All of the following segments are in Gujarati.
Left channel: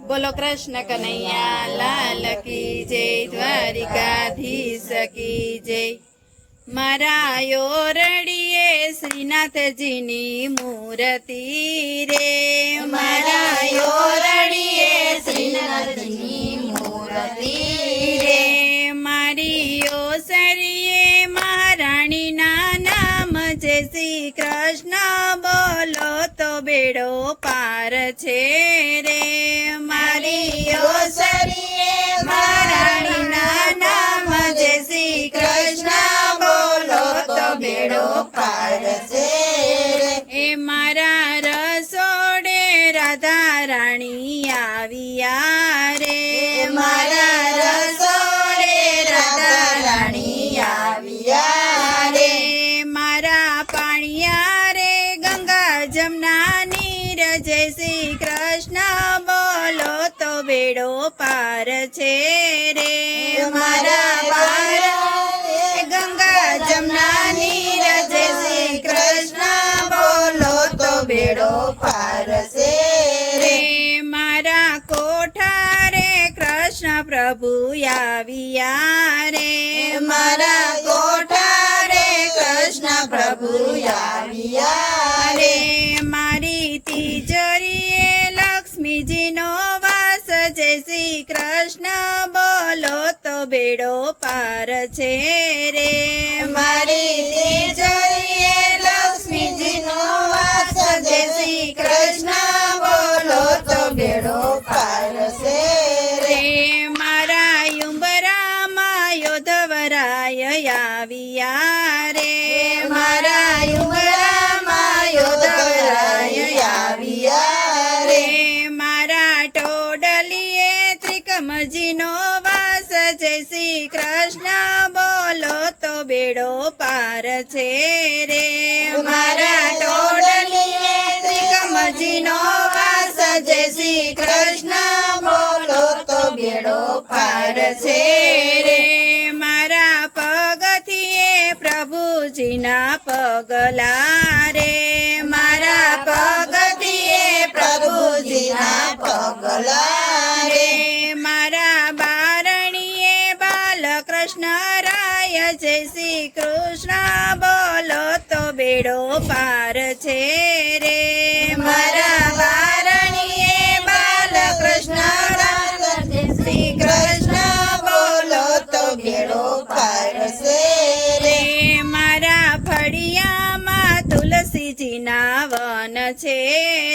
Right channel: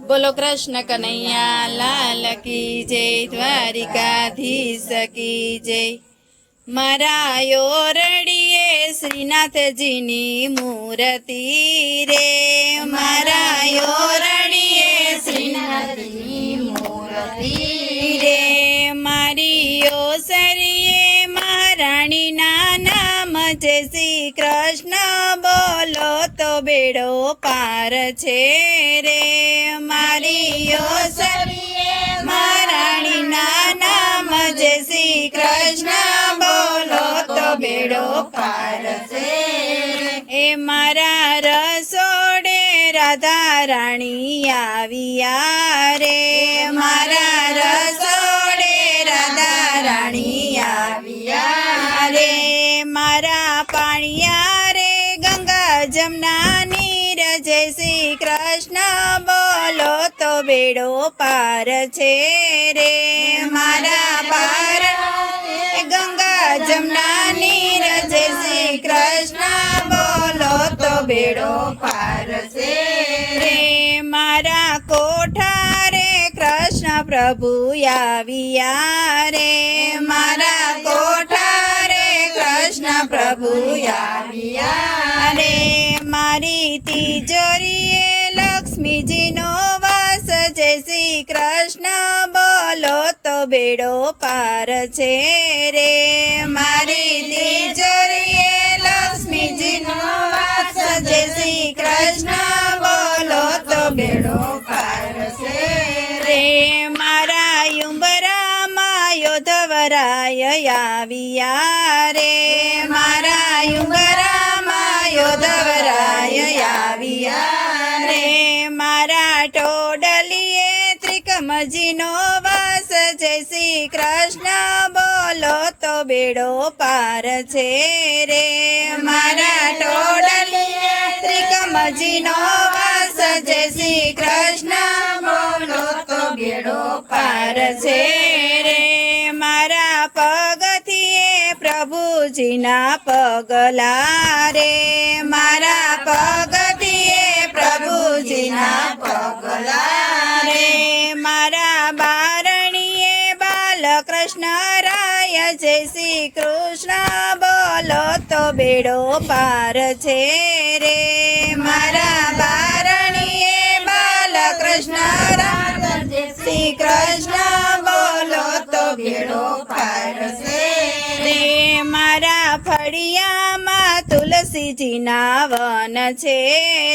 બોલો કૃષ્ણ કનૈયા, લાલ કી જય, દ્વારિકાધીશ કી જય. મારા યોરડીએ શ્રીનાથજીની મૂર્તિ રે. મારા યોરડીએ શ્રીનાથજીની મૂર્તિ તો બેડો પાર છે રે. મારી ઓસરીએ મહારાણીના નામ જય શ્રી કૃષ્ણ બોલો તો બેડો પાર છે એ મારા રસોડે રાધા રાણી આવ્યા રે. મારા તો બેડો પાર છે રે. મારા પાર ગંગા જમના નીરજ શ્રી કૃષ્ણ બોલો તો બેડો પાર છે રે. મારા કોઠા કૃષ્ણ પ્રભુ આવ્યા રે. મારા કોઠા રે કૃષ્ણ પ્રભુ આવ્યા રે. મારી તિજોરીએ લક્ષ્મીજીનો શ્રી કૃષ્ણ બોલો તો બેડો પાર છે રે. મારી તિજોરીએ લક્ષ્મીજીનો વાસ. જય શ્રી કૃષ્ણ બોલો તો બેડો પાર છે રે. મારા યુંબરામાં ધવરાય આવ્યા રે. ટોડલીએ ત્રિકમજીનો વાસ. જય શ્રી કૃષ્ણ, બોલો તો બેડો પાર છે રે. મારા ટોડલીએ ત્રિકમજીનો વાસ. જય શ્રી કૃષ્ણ, બોલો તો બેડો પાર છે રે. મારા પગથીએ પ્રભુજીના પગલા રે. રાય જય શ્રી કૃષ્ણ, બોલો તો બેડો પાર છે રે. મારા બારણીએ બાલકૃષ્ણ શ્રી કૃષ્ણ, બોલો તો બેડો પાર છે રે. મારા ફળિયામાં તુલસીજીના વન છે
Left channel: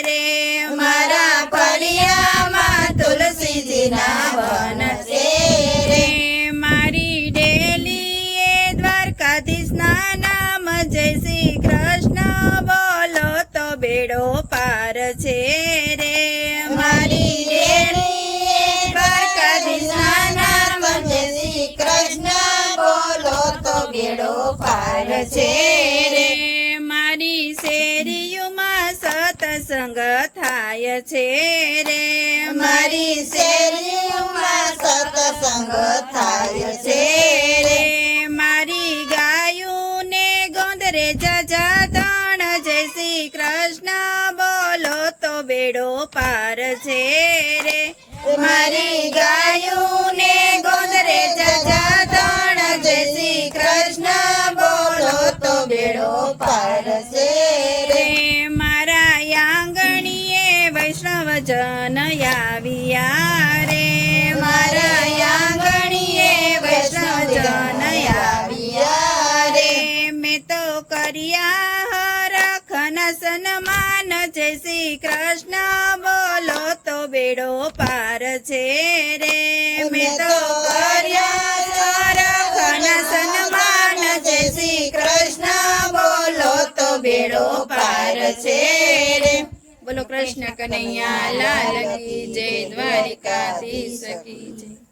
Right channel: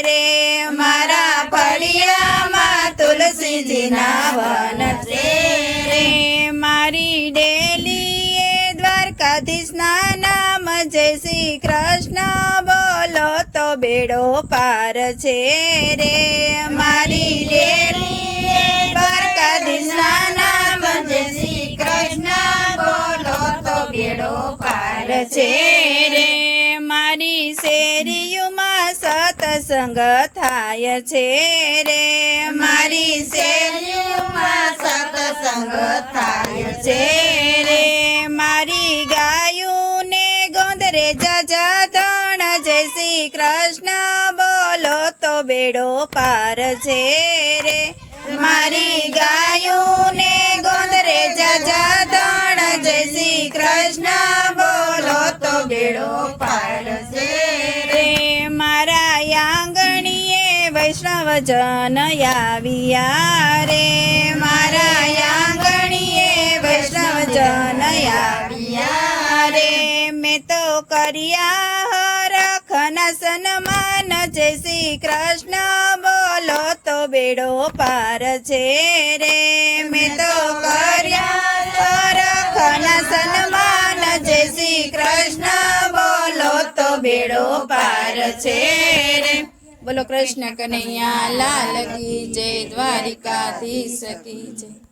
રે. મારા ફળિયામાં તુલસીજીના વન શ્રી કૃષ્ણ બોલો તો બેડો પાર છે રે. મારી શ્રી છે. રે. મારી શેરીયુમાં સતસંગ થાય છે રે. મારી શેરીયુમાં સતસંગ થાય છે રે. ગોંદરે જજા જય શ્રી કૃષ્ણ બોલો તો બેડો પાર છે રે મારી ગાયુને ગોંદરે રે ધણ જય શ્રી કૃષ્ણ બોલો તો બેડો પાર છે રે મારા આંગણીએ વૈષ્ણવ જન આવ્યા તો કર્યા હરખના સન્માન. જય શ્રી કૃષ્ણ. બોલો તો બેડો પાર છે રે. મેં તો કર્યા હરખના સન્માન. જય શ્રી કૃષ્ણ. બોલો તો બેડો પાર છે રે. બોલો કૃષ્ણ કનૈયા, લાલ કી જય, દ્વારિકાધીશ કી જય.